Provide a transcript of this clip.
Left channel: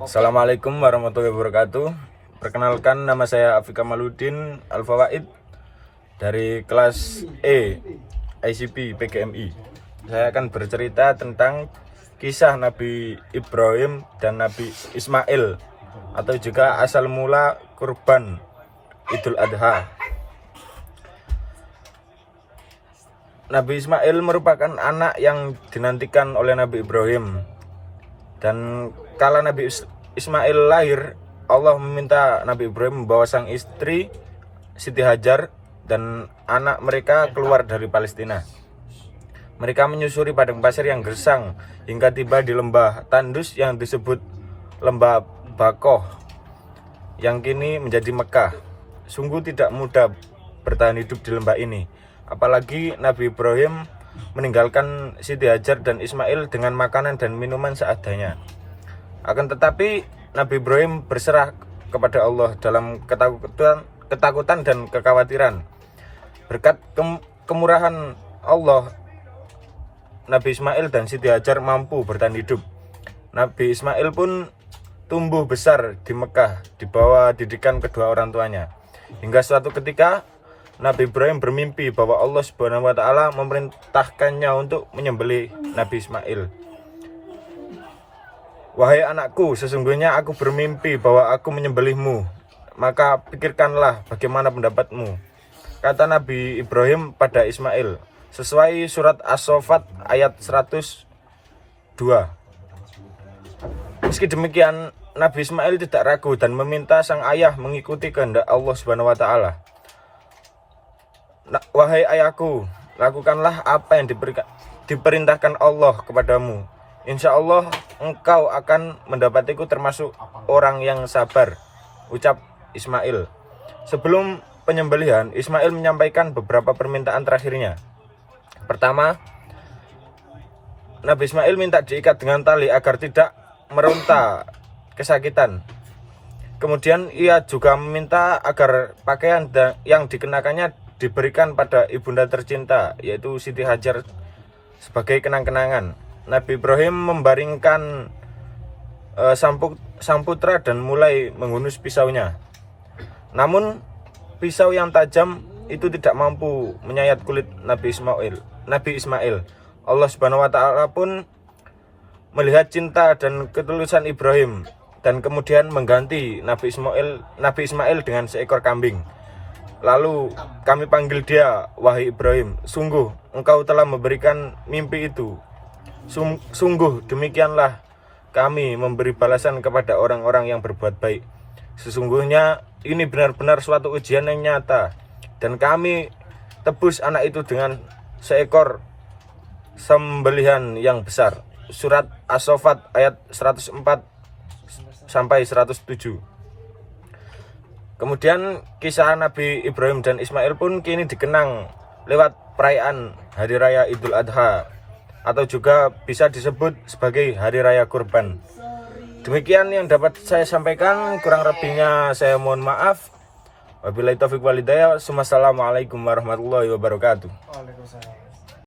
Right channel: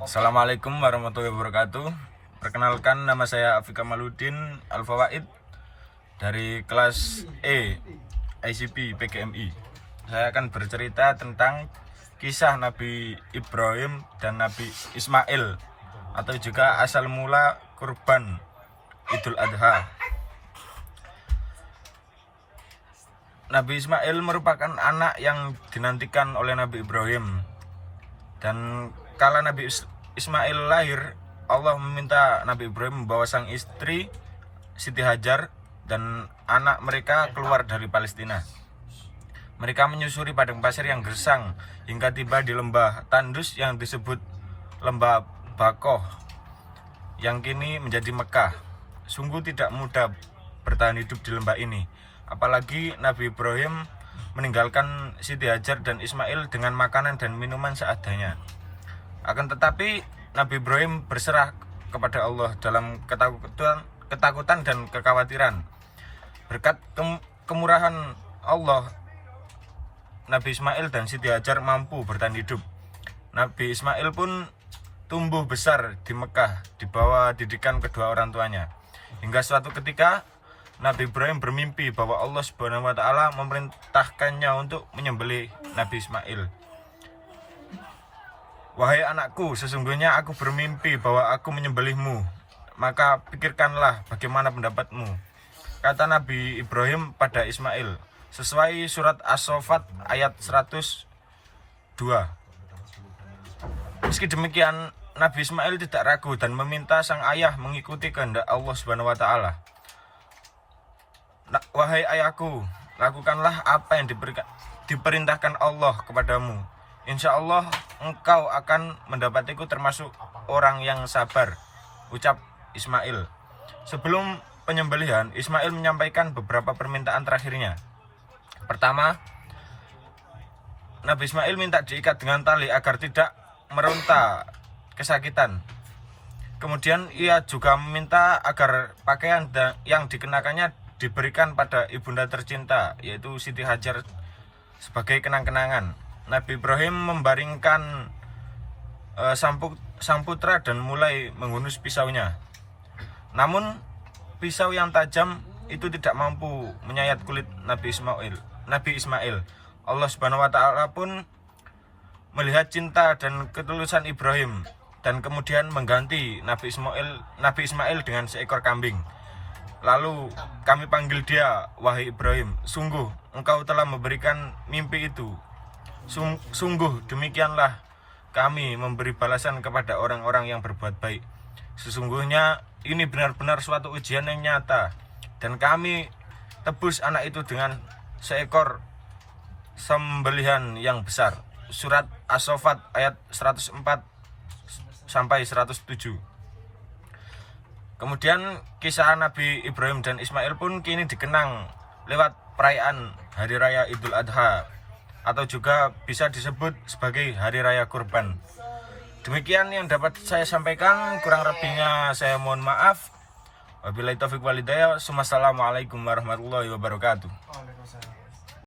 Assalamualaikum warahmatullahi wabarakatuh. Perkenalkan, nama saya Afiq Kamaluddin Al-Fawaid dari kelas E ICP PGMI. Saya akan bercerita tentang kisah Nabi Ibrahim dan Nabi Ismail, atau juga asal mula kurban Idul Adha. Nabi Ismail merupakan anak yang dinantikan oleh Nabi Ibrahim. Dan kala Nabi Ismail lahir, Allah meminta Nabi Ibrahim membawa sang istri Siti Hajar dan anak mereka keluar dari Palestina. Mereka menyusuri padang pasir yang gersang hingga tiba di lembah tandus yang disebut Lembah Bakoh, yang kini menjadi Mekah. Sungguh tidak mudah bertahan hidup di lembah ini, apalagi Nabi Ibrahim meninggalkan Siti Hajar dan Ismail dengan makanan dan minuman seadanya. Akan tetapi Nabi Ibrahim berserah kepada Allah dalam ketakutan dan kekhawatiran. Berkat kemurahan Allah, Nabi Ismail dan Siti Hajar mampu bertahan hidup. Nabi Ismail pun tumbuh besar di Mekah di bawah didikan kedua orang tuanya. Hingga suatu ketika Nabi Ibrahim bermimpi bahwa Allah Subhanahu wa Ta'ala memerintahkannya untuk menyembelih Nabi Ismail. "Wahai anakku, sesungguhnya aku bermimpi bahwa aku menyembelihmu. Maka pikirkanlah bagaimana pendapatmu," kata Nabi Ibrahim pada Ismail, sesuai surat As-Saffat ayat 102. Meski demikian, Nabi Ismail tidak ragu dan meminta sang ayah mengikuti kehendak Allah Subhanahu wa Ta'ala. "Wahai ayahku, lakukanlah apa yang diperintahkan Allah kepadamu. Insya Allah engkau akan mendapatiku termasuk orang yang sabar," ucap Ismail. Sebelum penyembelihan, Ismail menyampaikan beberapa permintaan terakhirnya. Pertama, Nabi Ismail minta diikat dengan tali agar tidak meronta kesakitan. Kemudian ia juga meminta agar pakaian yang dikenakannya diberikan pada ibunda tercinta, yaitu Siti Hajar, sebagai kenang-kenangan. Nabi Ibrahim membaringkan sang putra dan mulai menghunus pisaunya. Namun pisau yang tajam itu tidak mampu menyayat kulit Nabi Ismail. Allah Subhanahu wa Ta'ala pun melihat cinta dan ketulusan Ibrahim dan kemudian mengganti Nabi Ismail dengan seekor kambing. Lalu kami panggil dia, "Wahai Ibrahim, sungguh engkau telah memberikan mimpi itu. Sungguh demikianlah kami memberi balasan kepada orang-orang yang berbuat baik. Sesungguhnya ini benar-benar suatu ujian yang nyata, dan kami tebus anak itu dengan seekor sembelihan yang besar." Surat As-Saffat ayat 104 sampai 107. Kemudian kisah Nabi Ibrahim dan Ismail pun kini dikenang lewat perayaan Hari Raya Idul Adha, atau juga bisa disebut sebagai Hari Raya Kurban. Demikian yang dapat saya sampaikan, kurang lebihnya saya mohon maaf. Wabillahi taufiq wal hidayah. Wassalamualaikum warahmatullahi wabarakatuh.